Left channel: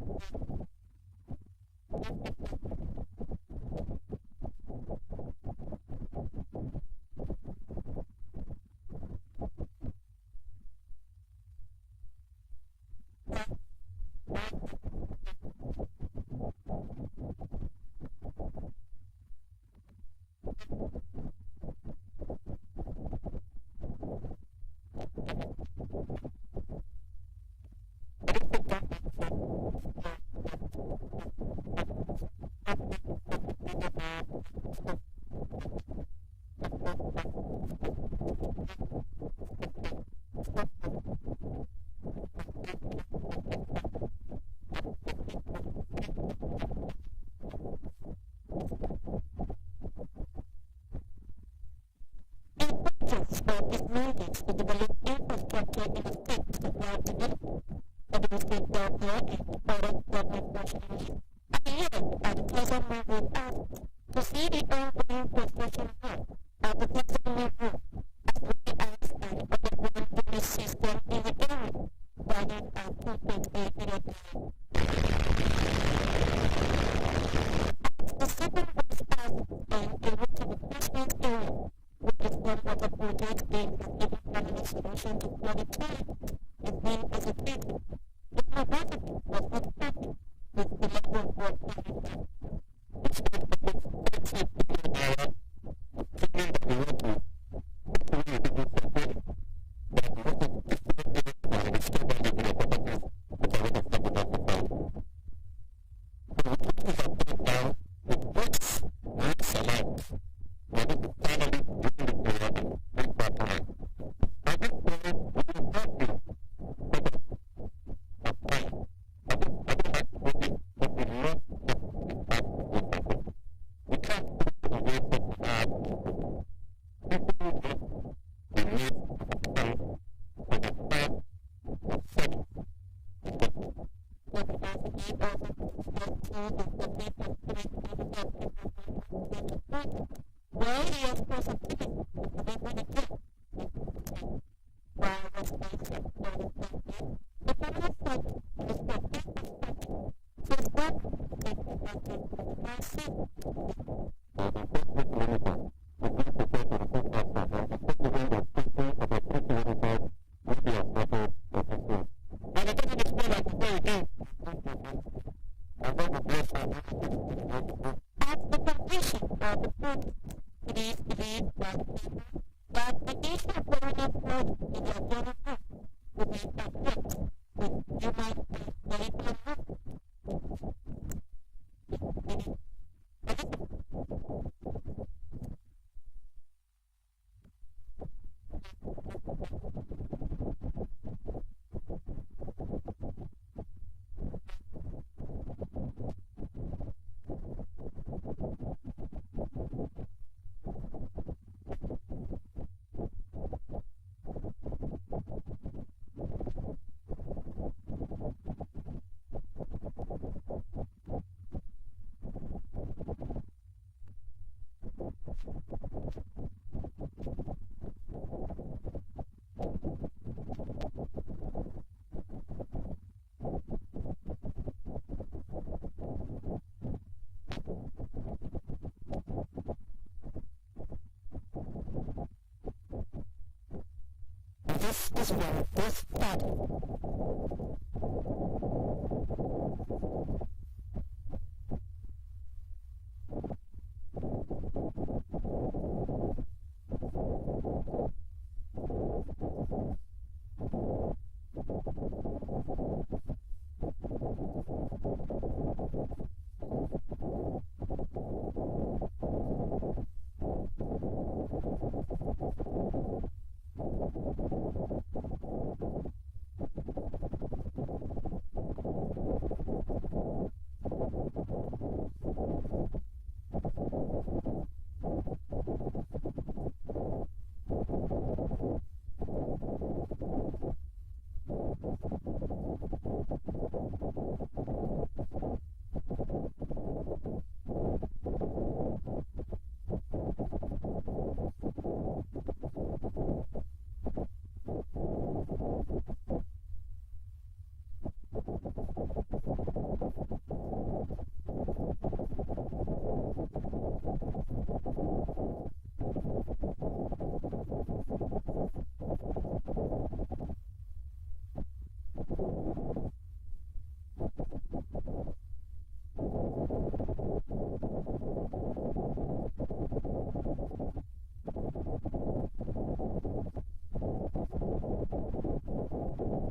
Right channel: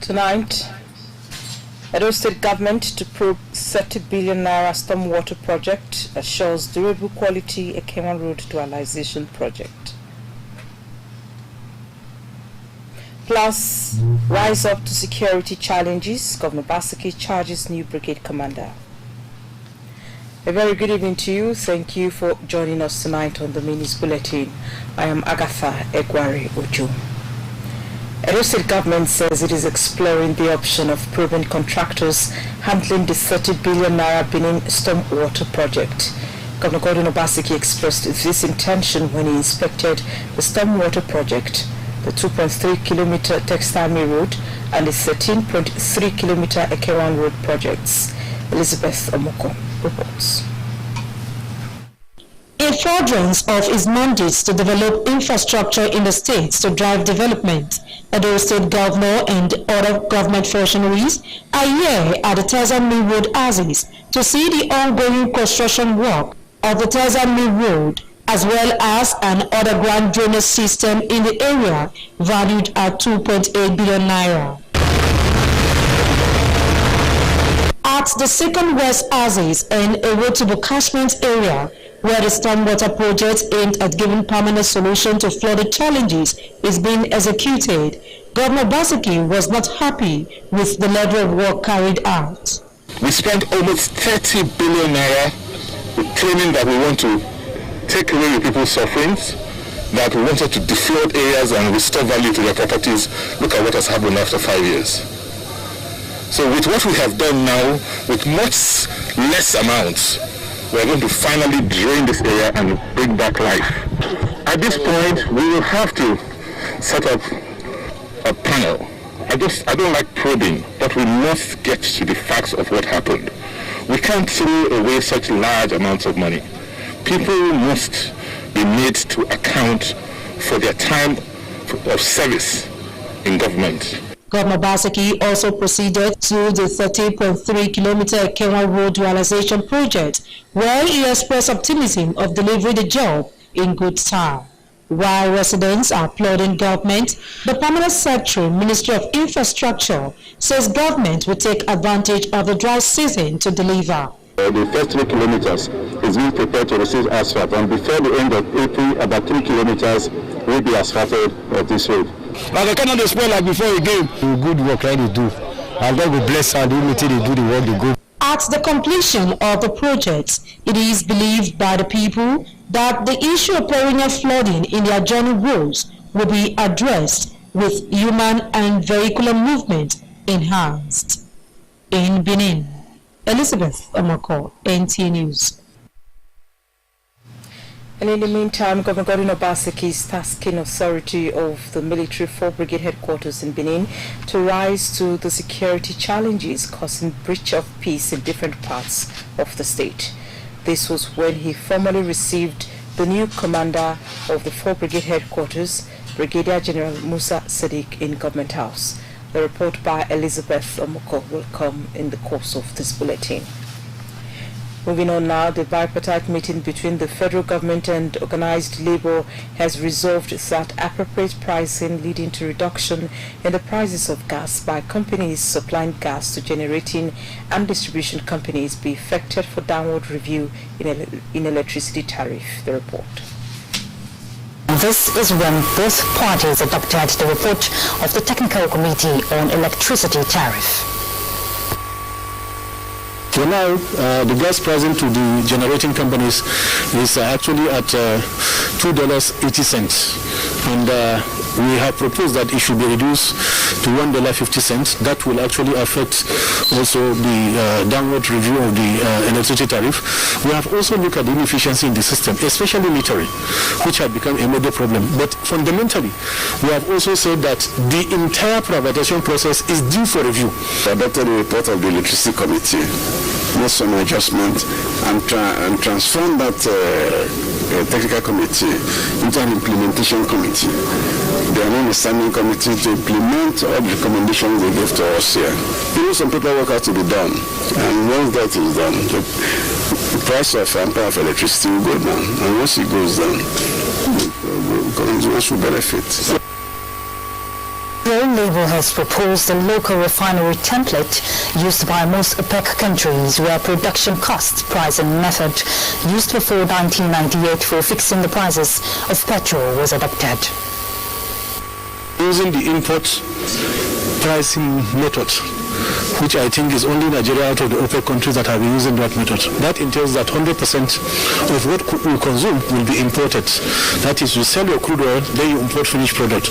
Tonight, Edo State government to probe 30 billion naira stormwater project assures durable quality Ekema Road dualization project. Plus, rise up to security challenges. Governor Basiki charges new brigade commander. A very good evening to you. Thank you for joining us tonight on the Minis Bulletin. I am Agatha Egwari Ojo. Edo State government says it is exploring the option of probing contractors handling the 30 billion naira Benin stormwater project. Governor Gordon Obaseki expressed this intention when he inspected the stormwater project, the 2.3 kilometer Textile Mill Road and the 13.3 kilometer Ekewan Road projects. Elizabeth Omoko reports. In furtherance of his mandates to develop infrastructure in the states to drive development, Edo State Governor and other government functionaries are here at the Textile Mill Road Axis to see the ongoing construction work of the Textile Mill Road, as well as an underground drainage system in the area valued at 2.8 billion naira. At the Second West Axis and a road to the catchment area, where the stormwater project aimed at giving permanent solution to flooding challenges is being executed, Governor Basiki was not happy with the level of work carried out. We spent almost 30 billion naira with claiming that we want to take away the people's sufferings, that we wanted to deflood areas and restore value to their properties. Look at what has happened after 5 years. So with what we have done now, with much less amounts, we're going to finally drain this area and bring back life. At this point, we will have to set up a panel. I don't like probing, but we must get to the facts of what happened. We can't throw away such large amounts of money. People must be made to account for their time of service in government. Governor Basiki also proceeded to the 30.3 kilometer Ekewan Road dualization project, where he expressed optimism of delivering the job in good time. While residents are applauding government, the Permanent Secretary, Ministry of Infrastructure, says government will take advantage of the dry season to deliver. The first 3 kilometers is being prepared to receive asphalt, and before the end of April, about 3 kilometers will be asphalted of this road. But they cannot spoil like before again. Good work right they do. And God will bless and unity they do the work they go. At the completion of the project, it is believed by the people that the issue of perennial flooding in the adjoining roads will be addressed with human and vehicular movement enhanced. In Benin, Elizabeth Omoko, NT News. And in the meantime, Governor Gordon Obaseki is tasking authority of the military 4 Brigade headquarters in Benin to rise to the security challenges causing breach of peace in different parts of the state. This was when he formally received the new commander of the 4 Brigade headquarters, Brigadier General Musa Sadiq, in Government House. The report by Elizabeth Omoko will come in the course of this bulletin. Moving on now, the bipartite meeting between the federal government and organized labor has resolved that appropriate pricing leading to reduction in the prices of gas by companies supplying gas to generating and distribution companies be effected for downward review in electricity tariff. The report. This is when both parties adopted the report of the Technical Committee on Electricity Tariff. For now, the gas pricing to the generating companies is actually at $2.80, and we have proposed that it should be reduced to $1.50. That will actually affect also the downward review of the electricity tariff. We have also looked at the inefficiency in the system, especially metering, which had become a major problem. But fundamentally, we have also said that the entire privatization process is due for review. I adopted the report of the Electricity Committee, made some adjustment, and transformed that technical committee into an implementation committee. They are now a standing committee to implement all the recommendations they gave to us here. There is some paperwork has to be done, and once that is done, the price of ampere of electricity will go down, and once it goes down, consumers will benefit. Your label has proposed a local refinery template used by most OPEC countries, where production cost, price and method used before 1998 for fixing the prices of petrol was adopted. Using the import pricing method, which I think is only Nigeria out of the OPEC countries that have been using that method. That entails that 100% of what we consume will be imported. That is, you sell your crude oil, then you import finished product.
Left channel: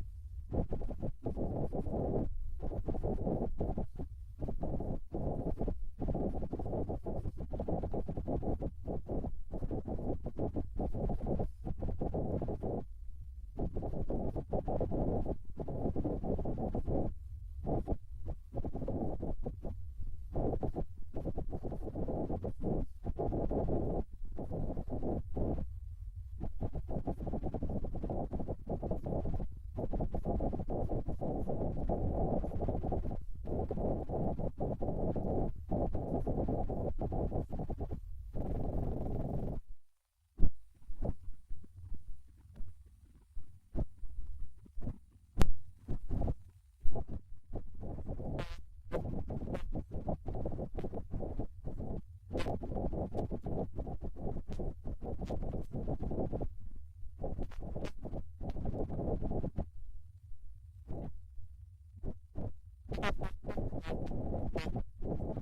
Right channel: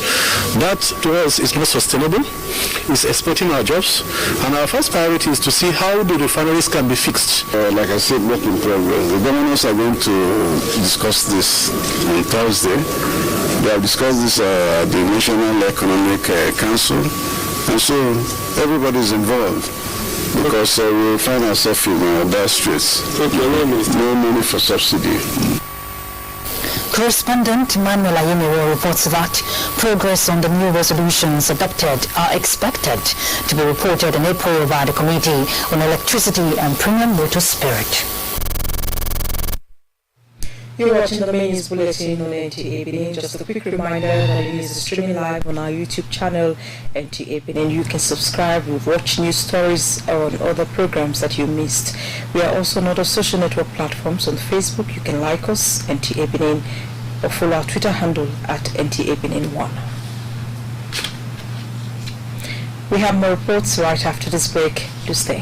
That to us is not sustainable. It's exploiting our jobs. And our first priority is to see how the refineries can be fixed. Like I said, work in progress. The governors are going to discuss this on Thursday. They have discussed this at the National Economic Council. And so everybody is involved because we find ourselves in dire straits. No money for subsidy. Correspondent Emmanuel Ayemire reports that progress on the new resolutions adopted are expected to be reported in April by the Committee on Electricity and Premium Water Spirit. You're watching the main news bulletin on NTA Benin. Just a quick reminder that it is streaming live on our YouTube channel, NTA Benin. You can subscribe, watch news stories on other programs that you missed. We are also on other social network platforms. On Facebook, you can like us, NTA Benin, or follow our Twitter handle at NTA Benin1. We have more reports right after this break. Do stay.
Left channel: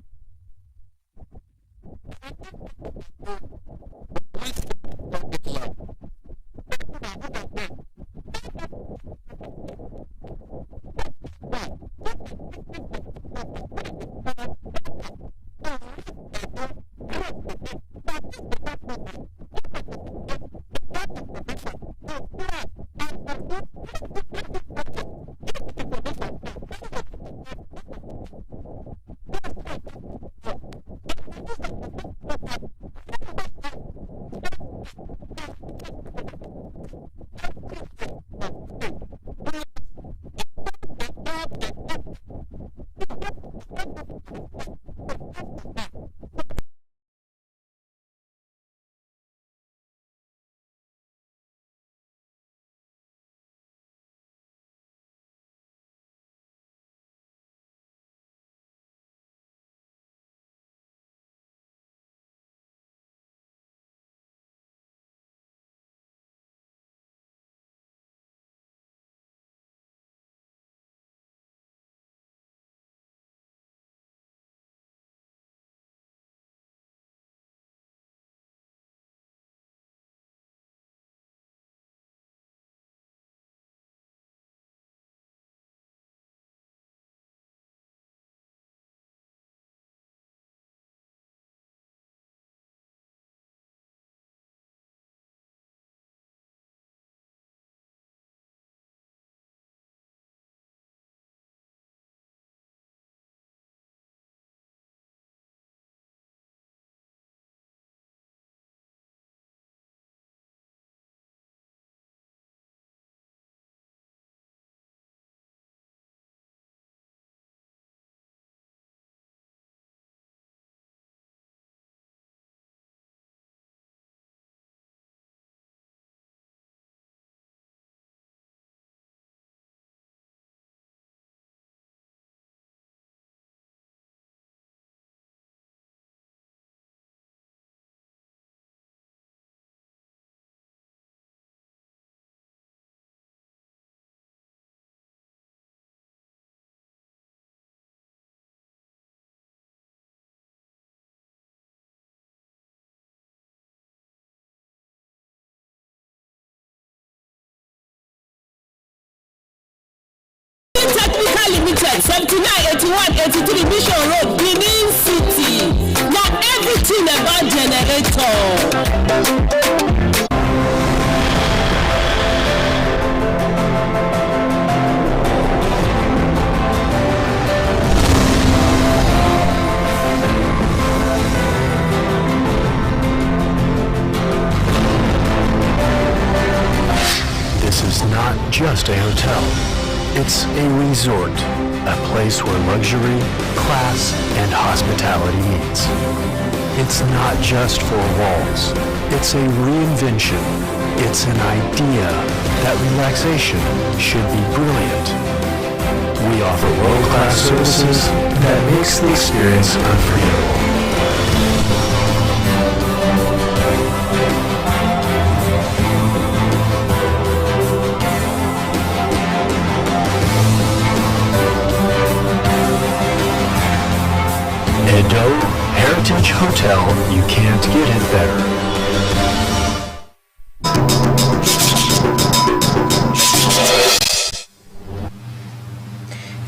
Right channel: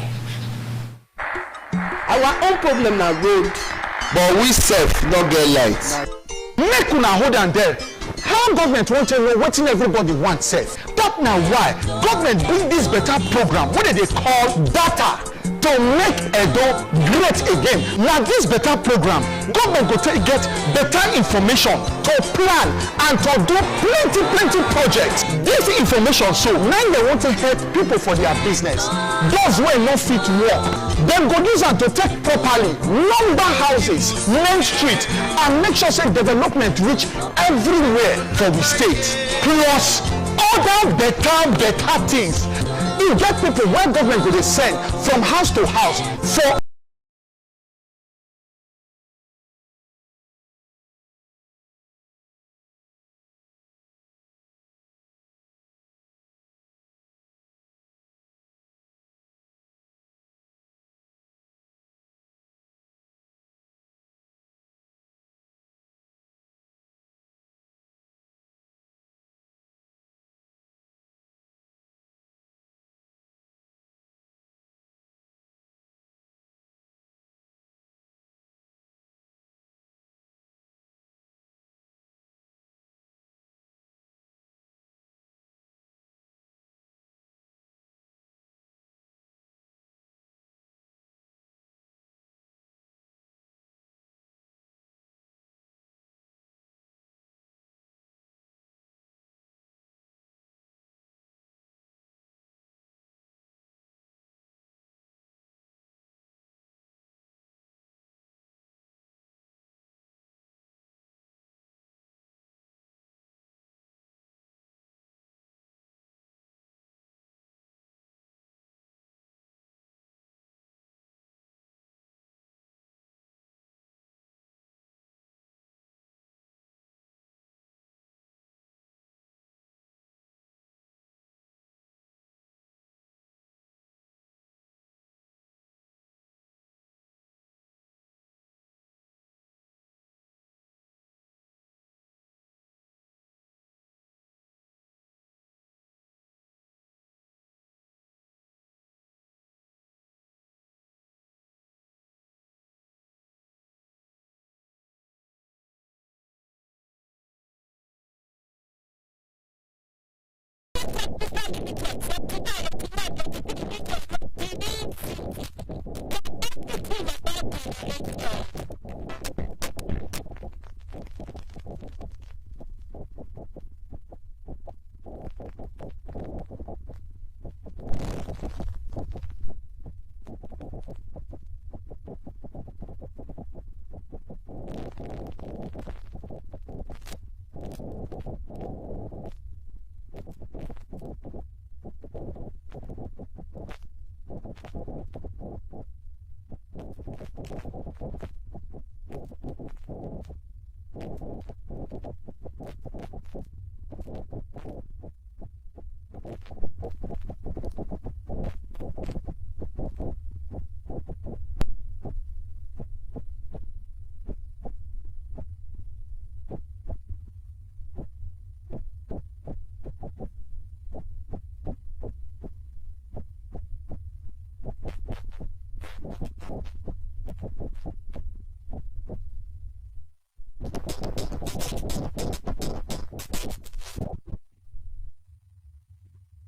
Our own problem na road. But we self no get lights. Make una hold on there. How government want to know wetin everybody want sef? That na why government bring this better program wey they call data to make Edo great again. Na this better program government go take get better information to plan and to do plenty projects. This information so now they want to help people for their business. Those wey no fit work, dem go use am to take properly number houses, main street, and make sure say development reach everywhere for the state. Plus other better things. You get people when government go dey send from house to house for Technical Limited, 798183 Mission Road, Benin City. Now everything about generator. This is not just a hotel. It's a resort, a place where luxury, class, and hospitality meets. It's not just four walls. It's a reinvention. It's an idea that relaxation should be brilliant. We offer world-class services that makes the experience unforgettable. Edo Heritage Hotel, you can't get it better.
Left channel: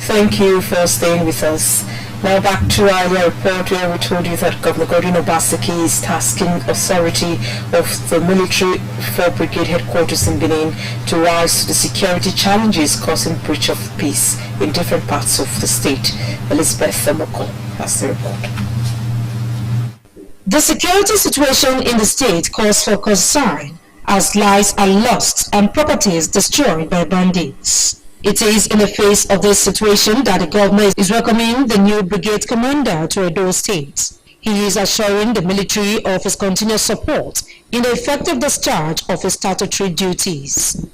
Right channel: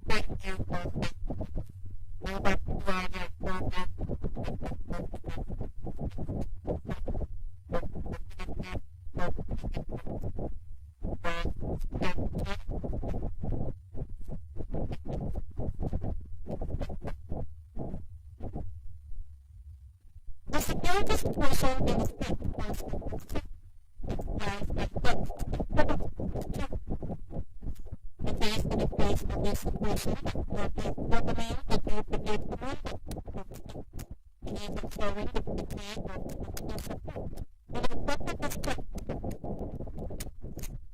Thank you for staying with us. Now back to our earlier report where we told you that Governor Godwin Obaseki is tasking authority of the military 4 Brigade headquarters in Benin to rise to the security challenges causing breach of peace in different parts of the state. Elizabeth Thermoko has the report. The security situation in the state calls for concern as lives are lost and properties destroyed by bandits. It is in the face of this situation that the governor is welcoming the new brigade commander to Edo State. He is assuring the military of his continued support in the effective discharge of his statutory duties.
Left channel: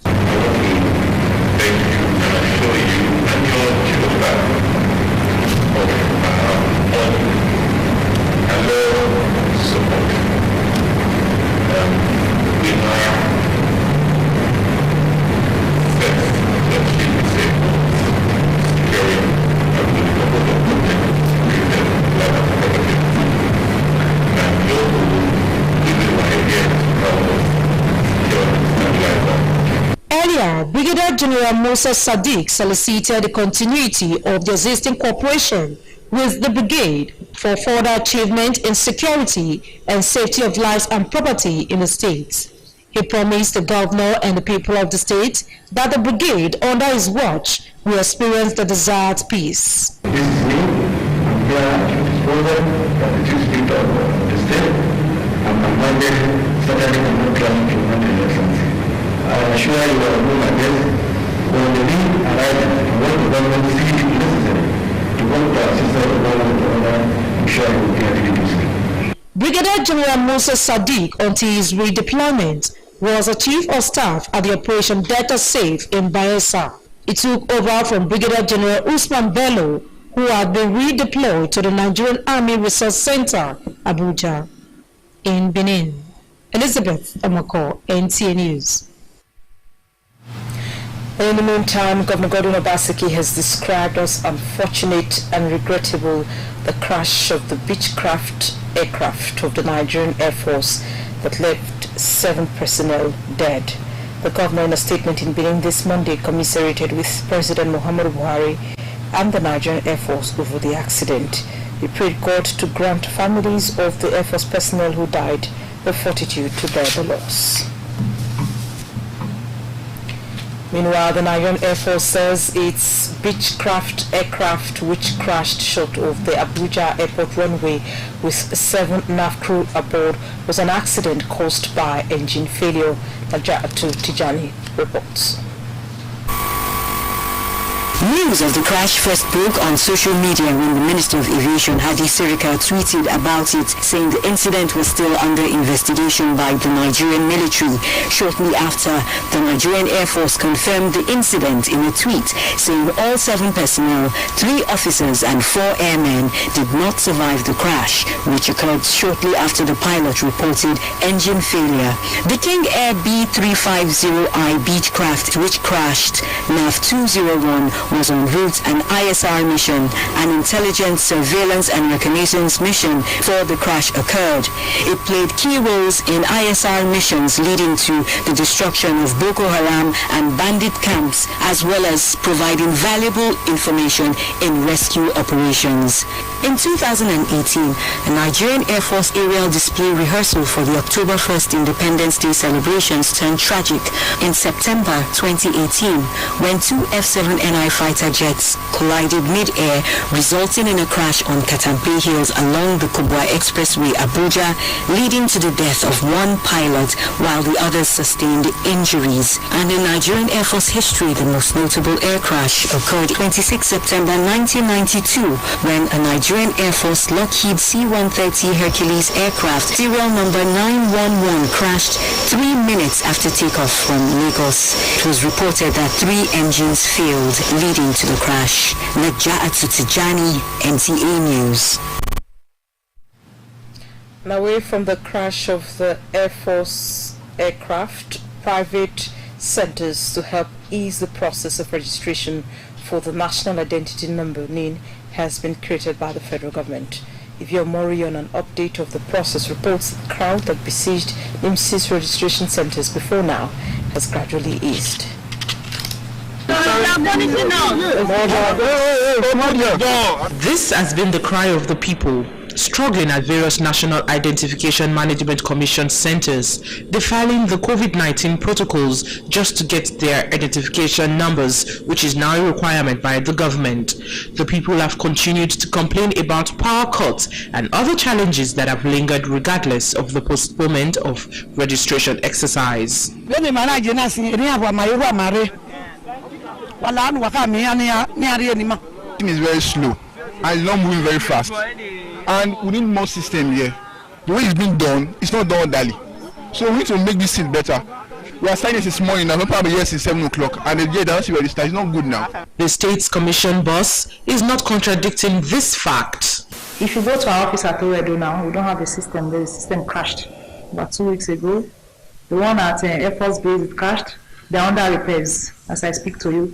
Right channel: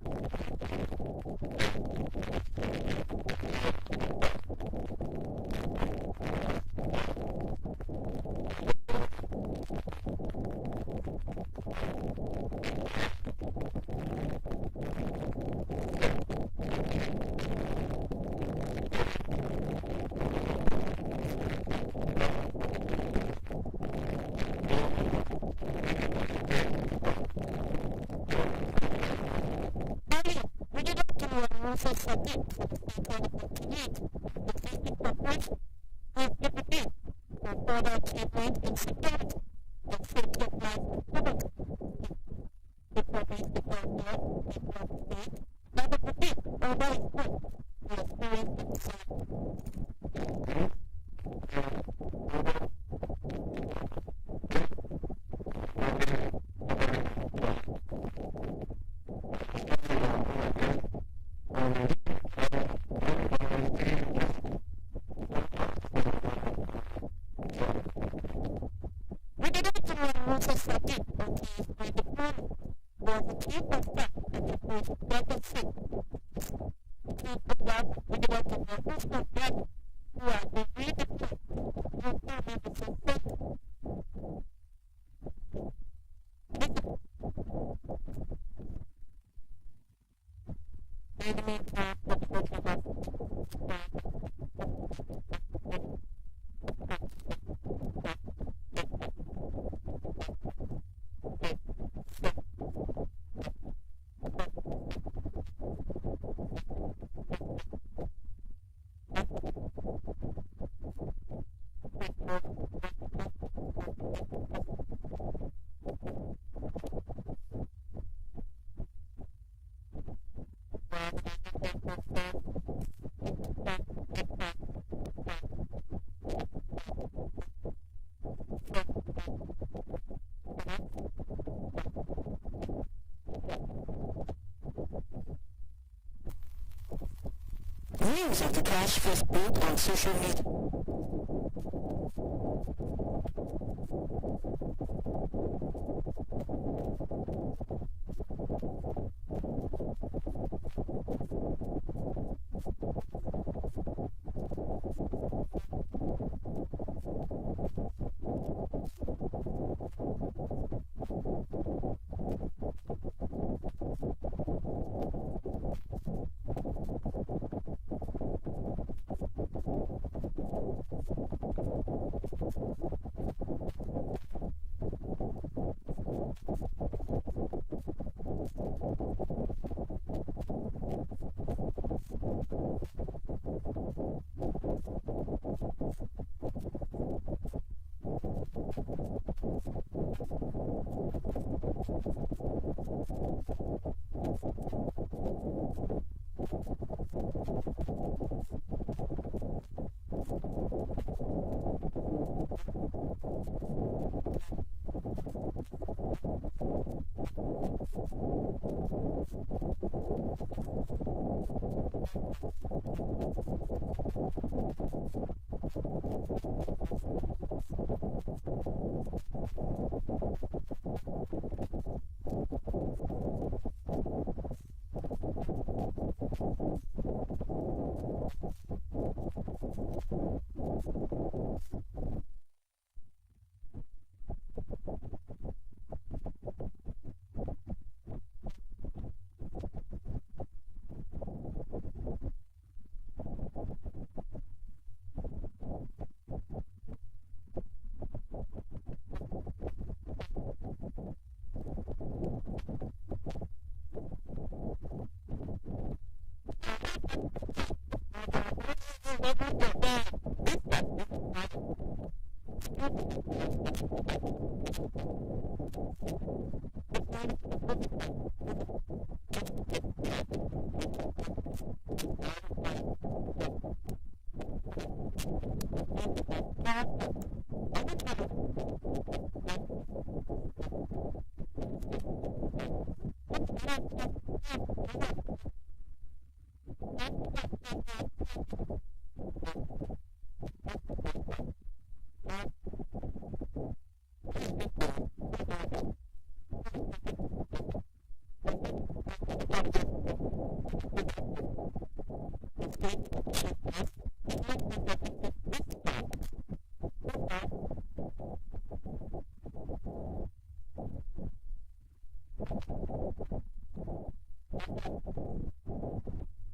Earlier, Brigadier General Moses Sadiq solicited the continuity of the existing cooperation with the brigade for further achievement in security and safety of lives and property in the state. He promised the governor and the people of the state that the brigade under his watch will experience the desired peace. This is me. I'm here at this program from the chief state of the state. I'm commanded Saturday and class to run the elections. I assure you I will do my best when the need arises and when the government sees it necessary to work to assist the government to order, I'm sure you will be able to do so. Brigadier General Moses Sadiq, until his redeployment, was a chief of staff at the Operation Delta Safe in Bayelsa. He took over from Brigadier General Usman Bello, who had been redeployed to the Nigerian Army Resource Center, Abuja. In Benin, Elizabeth Amako, NTA News. In the meantime, Governor Godwin Obaseki has described as unfortunate and regrettable the crash of the Beechcraft aircraft of the Nigerian Air Force that left 7 personnel dead. The governor, in a statement in Benin this Monday, commiserated with President Muhammadu Buhari and the Nigerian Air Force over the accident. He prayed God to grant families of the Air Force personnel who died the fortitude to bear the loss. Meanwhile, the Nigerian Air Force says its Beechcraft aircraft, which crashed short of the Abuja airport runway with 7 NAF crew aboard, was an accident caused by engine failure. Najatu Tijani reports. News of the crash first broke on social media when the Minister of Aviation, Hadi Sirika, tweeted about it, saying the incident was still under investigation by the Nigerian military. Shortly after, the Nigerian Air Force confirmed the incident in a tweet, saying all 7 personnel, 3 officers and 4 airmen did not survive the crash, which occurred shortly after the pilot reported engine failure. The King Air B350I Beechcraft, which crashed NAV 201, was en route an ISR mission, an intelligence, surveillance and reconnaissance mission, before the crash occurred. It played key roles in ISR missions leading to the destruction of Boko Haram and bandit camps, as well as providing valuable information in rescue operations. In 2018, a Nigerian Air Force aerial display rehearsal for the October 1st Independence Day celebrations turned tragic in September 2018 when 2 F-7NI fighter jets collided mid-air, resulting in a crash on Katampe Hills along the Kubwa Expressway, Abuja, leading to the death of 1 pilot while the others sustained injuries. And in Nigerian Air Force history, the most notable air crash occurred 26 September 1992 when a Nigerian Air Force Lockheed C-130 Hercules aircraft, serial number 911, crashed 3 minutes after takeoff from Lagos. It was reported that 3 engines failed, leading to the crash. Naja'atu Tijani, NTA News. Now, away from the crash of the Air Force aircraft, private centers to help ease the process of registration for the National Identity Number (NIN) has been created by the federal government. Ivio Mori on an update of the process reports the crowd that besieged NIMS's registration centers before now has gradually eased. This has been the cry of the people, struggling at various National Identification Management Commission centers, defiling the COVID-19 protocols just to get their identification numbers, which is now a requirement by the government. The people have continued to complain about power cuts and other challenges that have lingered regardless of the postponement of registration exercise. It is very slow and it's not moving very fast. And we need more system here. The way it's been done, it's not done orderly. So we need to make this thing better. We are starting this morning now, probably here since 7 o'clock, and the day that we register is not good now. The State's Commission boss is not contradicting this fact. If you go to our office at Oredo now, we don't have a system. The system crashed about 2 weeks ago. The one at Air Force Base, it crashed. They're under repairs as I speak to you.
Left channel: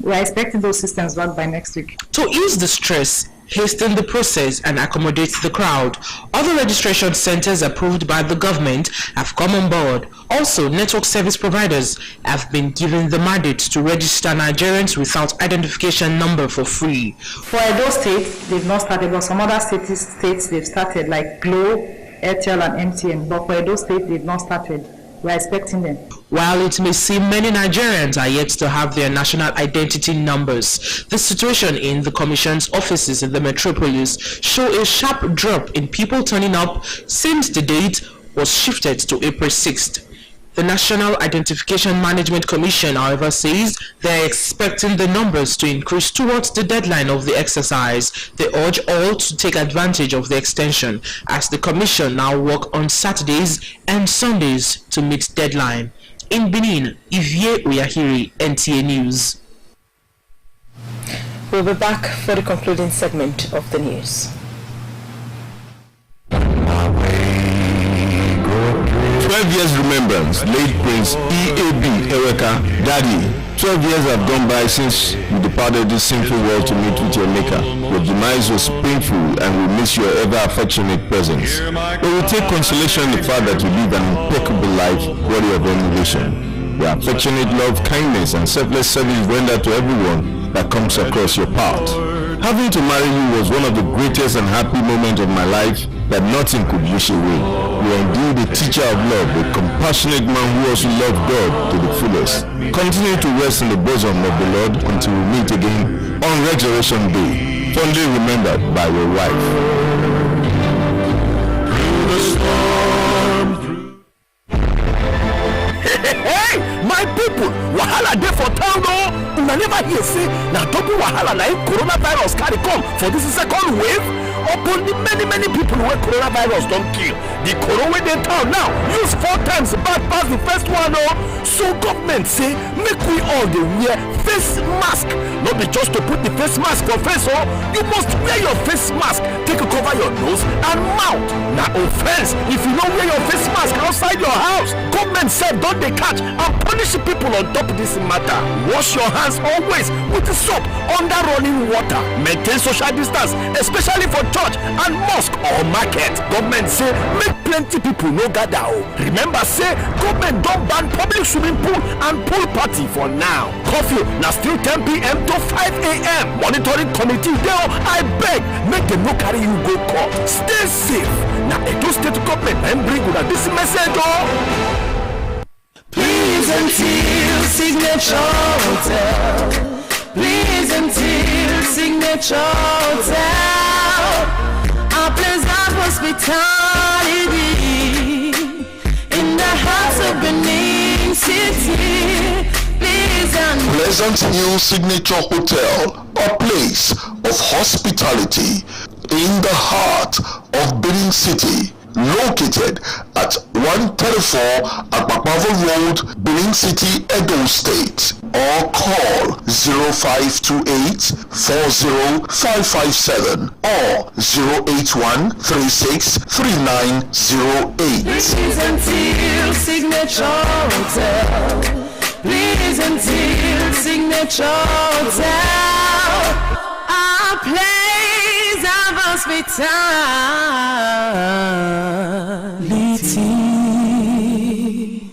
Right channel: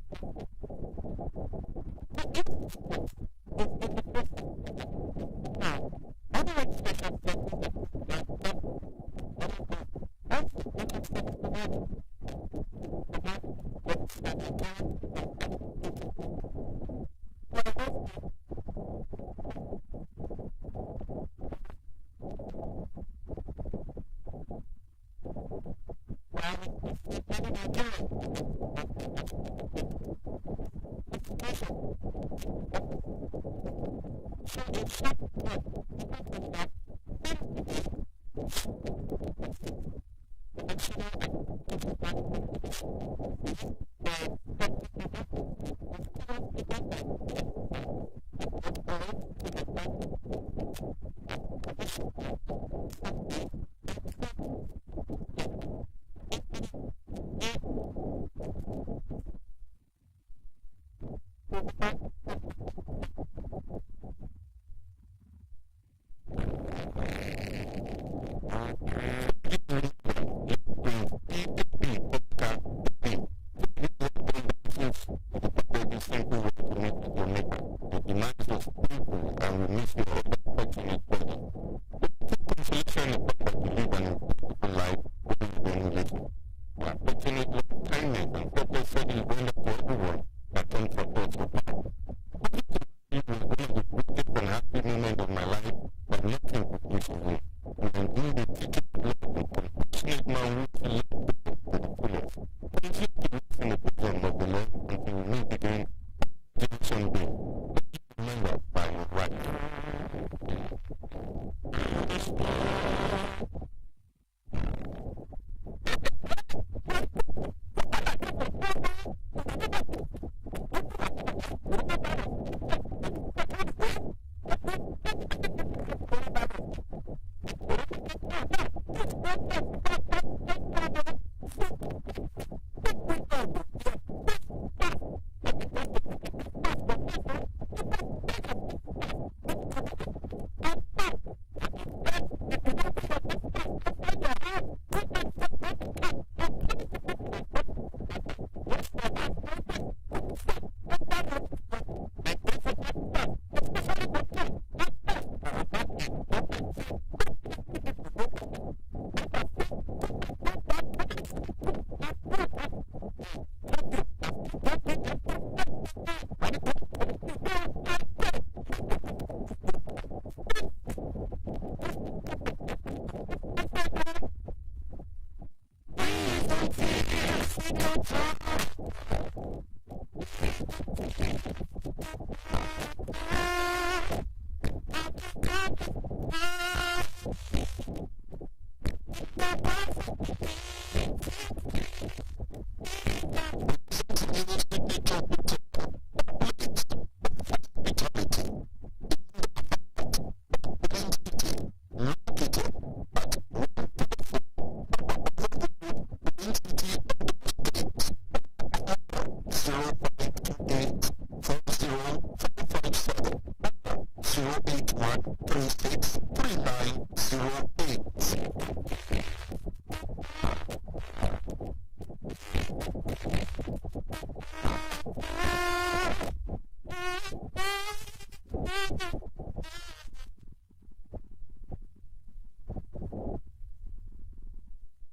We are expecting those systems back by next week. To ease the stress, hasten the process and accommodate the crowd, other registration centers approved by the government have come on board. Also, network service providers have been given the mandate to register Nigerians without identification number for free. For Edo State, they've not started, but some other states they've started, like Glo, Airtel and MTN. But for Edo State, they've not started. We're expecting them. While it may seem many Nigerians are yet to have their national identity numbers, the situation in the Commission's offices in the metropolis show a sharp drop in people turning up since the date was shifted to April 6th. The National Identification Management Commission, however, says they are expecting the numbers to increase towards the deadline of the exercise. They urge all to take advantage of the extension as the Commission now work on Saturdays and Sundays to meet deadline. In Benin, Ivie Oyahiri, NTA News. We'll be back for the concluding segment of the news. 12 years remembrance, late Prince E.A.B. Ereka, Daddy. 12 years have gone by since you departed this sinful world to meet with your Maker. Your demise was painful and we miss your ever affectionate presence. But we take consolation in the fact that you live an impeccable life worthy of emulation. Your affectionate love, kindness, and selfless service rendered to everyone that comes across your path. Having to marry you was one of the greatest and happy moments of my life that nothing could wish away. You are indeed a teacher of love, a compassionate man who also loved God to the fullest. Continue to rest in the bosom of the Lord until we meet again on Resurrection Day, fondly remembered by your wife. Through the storm, Hey, my people, wahala dey for town o. Una never hear say na double wahala na coronavirus carry come for this second wave. Upon the many people wey coronavirus don kill, the corona wey dey town now use 4 times bad pass the first one o. So government say make we all dey wear face mask. No be just to put the face mask for face o, you must wear your face mask take cover your nose and mouth. Na offense if you no wear your face mask outside your house. Government sef don dey catch and punish people on top this matter. Wash your hands always with soap under running water. Maintain social distance, especially for church and mosque or market. Government say make plenty people no gather o. Remember say government don ban public swimming pool and pool party for now. Curfew na still 10 p.m. to 5 a.m. Monitoring committee dey o. I beg make dem no carry you go court. Stay safe. Na Edo State government and bring una this message o. Please until Signature Hotel. Please until Signature Hotel. Our place of hospitality in the heart of Benin City. Please until Pleasant Hill Signature Hotel, a place of hospitality in the heart of Benin City. located at 134 Akpakpavo Road, Benin City, Edo State, or call 0528 40557 or 081 36 3908. Please until Signature Hotel. Please until Signature Hotel. Our place of hospitality.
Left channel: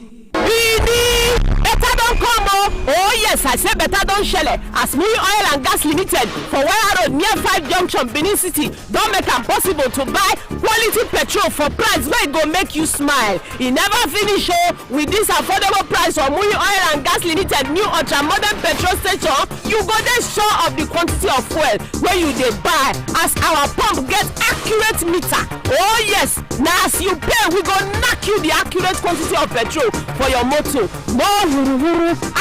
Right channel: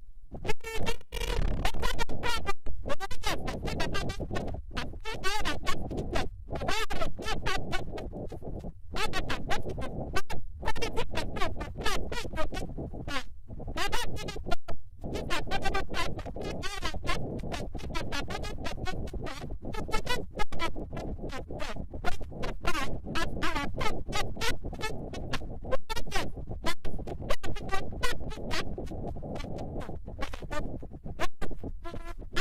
Better don't come oh. Oh yes, I say better don't shell it. As Muri Oil and Gas Limited for Wire Road near 5 Junction, Benin City, don't make it possible to buy quality petrol for price where it go make you smile. It never finish with this affordable price for Muri Oil and Gas Limited new ultra modern petrol station. You go there sure of the quantity of fuel where you they buy as our pump get accurate meter. Oh yes, now as you pay we go knock you the accurate quantity of petrol for your motor. More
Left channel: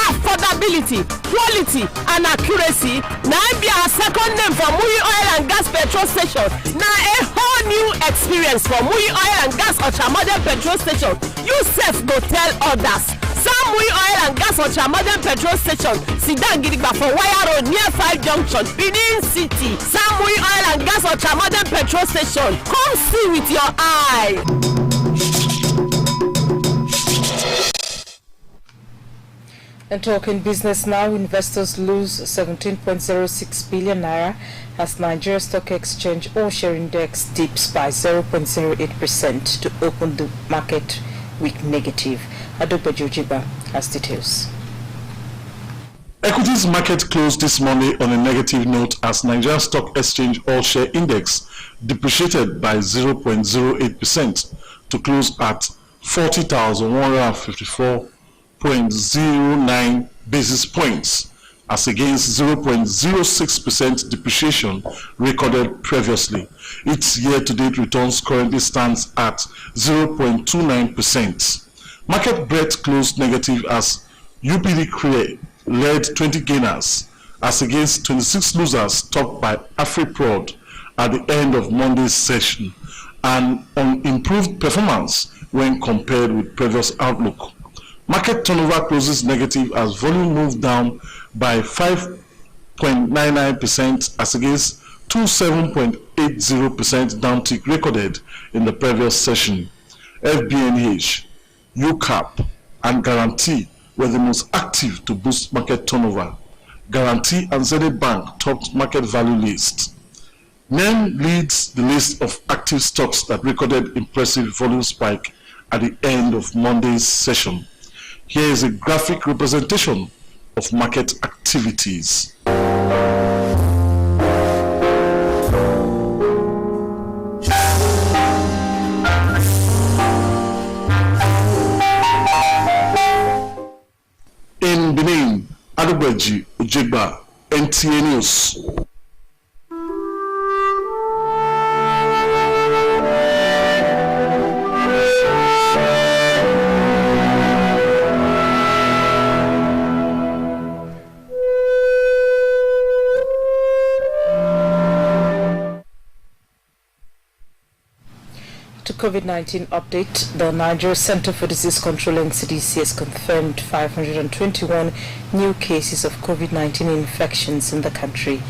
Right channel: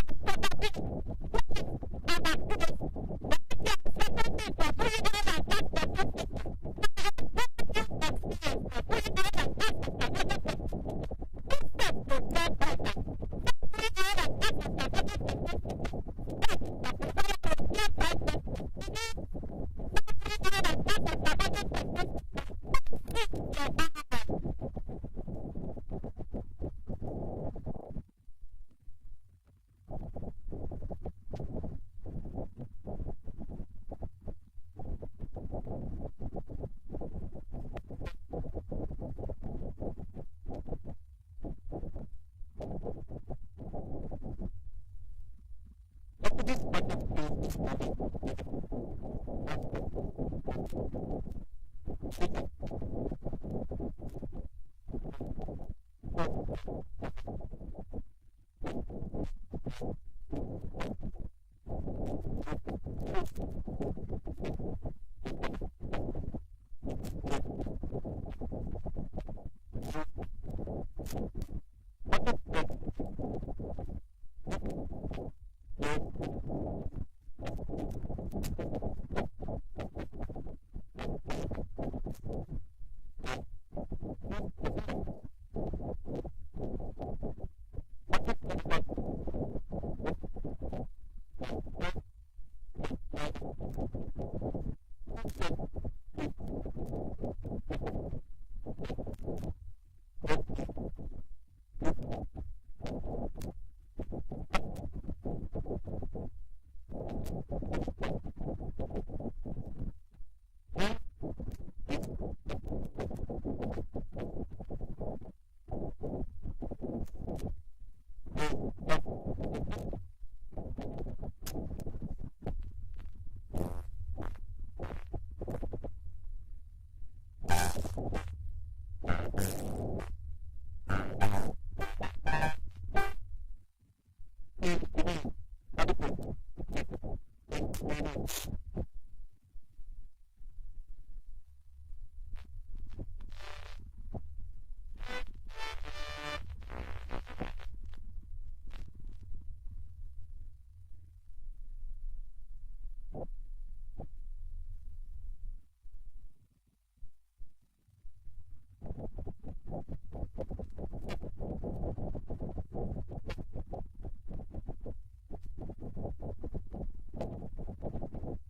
affordability, quality and accuracy. Now be our second name for Muri Oil and Gas petrol station. Now a whole new experience for Muri Oil and Gas ultra-modern petrol station. You self go tell others. Some Muri Oil and Gas ultra-modern petrol station. Sidan Gidigba for Wire Road near 5 Junction, Benin City. Some Muri Oil and Gas ultra-modern petrol station. Come see with your eye. And talking business now, investors lose 17.06 billion naira as Nigeria Stock Exchange all-share index dips by 0.08% to open the market week negative. Adobe Jojiba has details. Equities market closed this Monday on a negative note as Nigeria Stock Exchange all-share index depreciated by 0.08% to close at 40,154.09 basis points as against 0.06% depreciation recorded previously. Its year-to-date returns currently stands at 0.29%. Market breadth closed negative as UPD Crea led 20 gainers as against 26 losers topped by AfriProd at the end of Monday's session and on improved performance when compared with previous outlook. Market turnover closes negative as volume moved down by 5.99% as against 27.80% downtick recorded in the previous session. FBNH, UCAP, and Guarantee were the most active to boost market turnover. Guarantee and Zenith Bank topped market value list. NEM leads the list of active stocks that recorded impressive volume spike at the end of Monday's session. Here is a graphic representation of market activities. In Benin, Adebeji Ojegba, NTA News. COVID-19 update. The Nigeria Center for Disease Control and CDC has confirmed 521 new cases of COVID-19 infections in the country.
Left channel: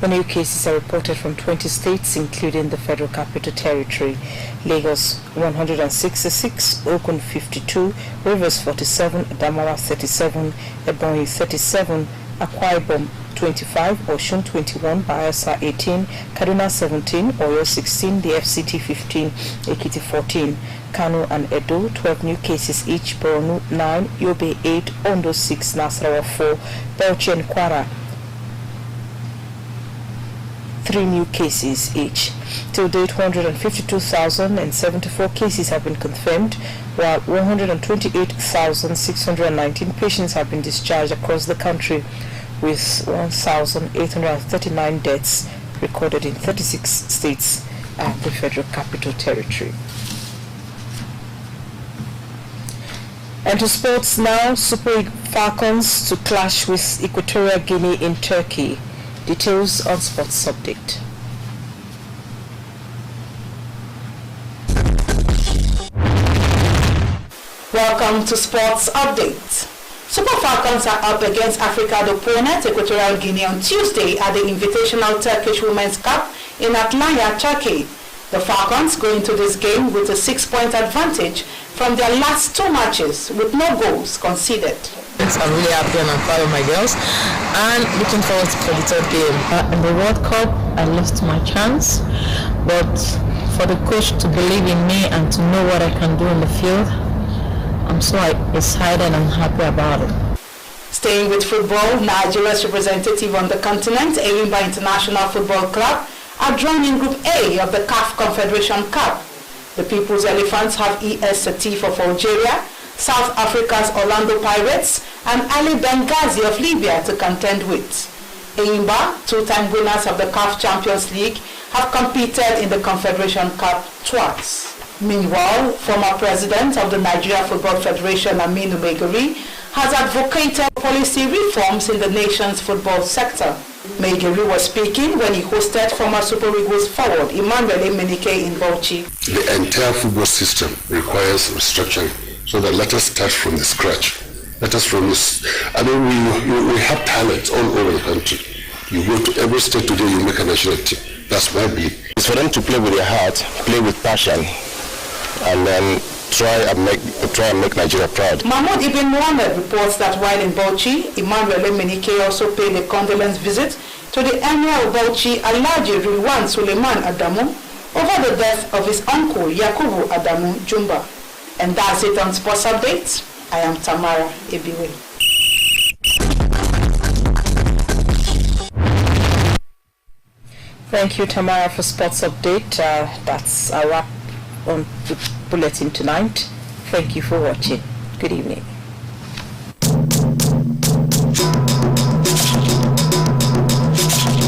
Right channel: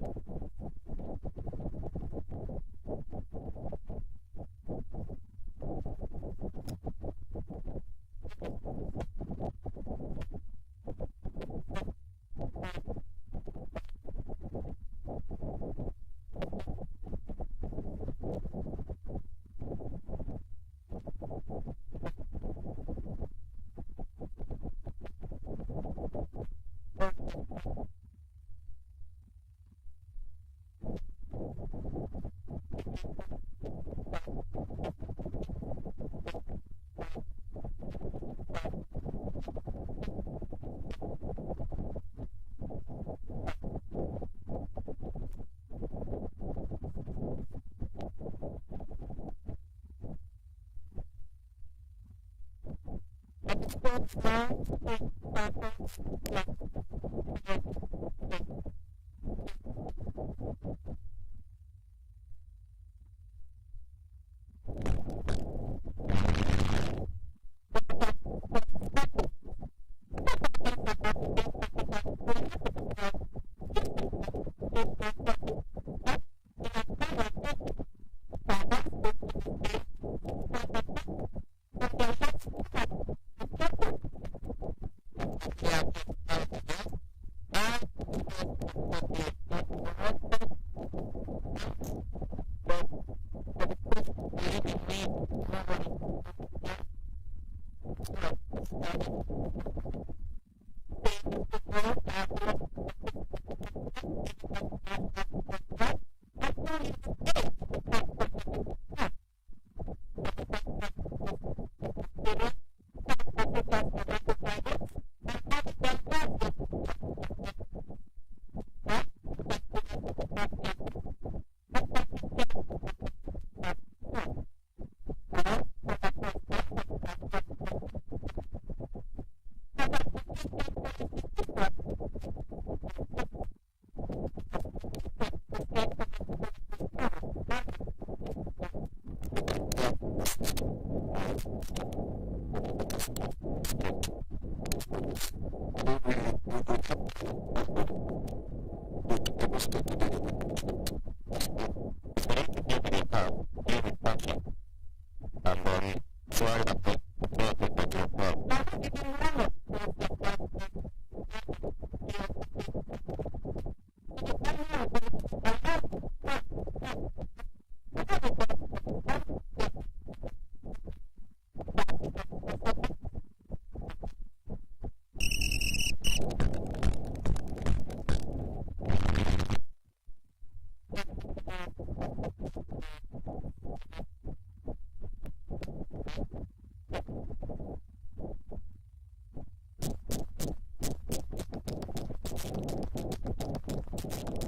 The new cases are reported from 20 states, including the Federal Capital Territory. Lagos 166, Ogun 52, Rivers 47, Adamawa 37, Ebonyi 37, Akwa Ibom 25, Osun 21, Bayelsa 18, Kaduna 17, Oyo 16, the FCT 15, Ekiti 14, Kano and Edo 12 new cases each, Borno 9, Yobe 8, Ondo 6, Nasarawa 4, Bauchi and Kwara 3 new cases each. Till date, 152,074 cases have been confirmed, while 128,619 patients have been discharged across the country, with 1,839 deaths recorded in 36 states and the Federal Capital Territory. And to sports now, Super Falcons to clash with Equatorial Guinea in Turkey. Details on Sports Update. Welcome to Sports Update. Super Falcons are up against Africa's opponent, Equatorial Guinea, on Tuesday at the Invitational Turkish Women's Cup in Antalya, Turkey. The Falcons go into this game with a 6-point advantage from their last 2 matches with no goals conceded. I'm really happy and I'm proud of my girls and looking forward for the third game. In the World Cup, I lost my chance, but for the coach to believe in me and to know what I can do in the field, I'm so excited and I'm happy about it. Staying with football, Nigeria's representative on the continent, Enyimba International Football Club, are drawn in Group A of the CAF Confederation Cup. The People's Elephants have ES Setif of Algeria, South Africa's Orlando Pirates, and Ali Benghazi of Libya to contend with. Enyimba, 2-time winners of the CAF Champions League, have competed in the Confederation Cup twice. Meanwhile, former president of the Nigeria Football Federation, Aminu Megari, has advocated policy reforms in the nation's football sector. Megari was speaking when he hosted former Super Eagles forward Emmanuel Emenike in Bauchi. The entire football system requires restructuring, so that let us start from the scratch. Let us from this. I mean, we have talents all over the country. You go to every state today, you make a national team. That's my belief. It's for them to play with their heart, play with passion, and then try and make Nigeria proud. Mahmoud Ibn Mohammed reports that while in Bauchi, Emmanuel Emenike also paid a condolence visit to the Emir of Bauchi, Alhaji Rilwan Suleiman Adamu, over the death of his uncle Yakubu Adamu Jumba. And that's it on Sports Update. I am Tamara Ebiwe. Thank you, Tamara, for Sports Update. That's a wrap on the bulletin tonight. Thank you for watching. Good evening.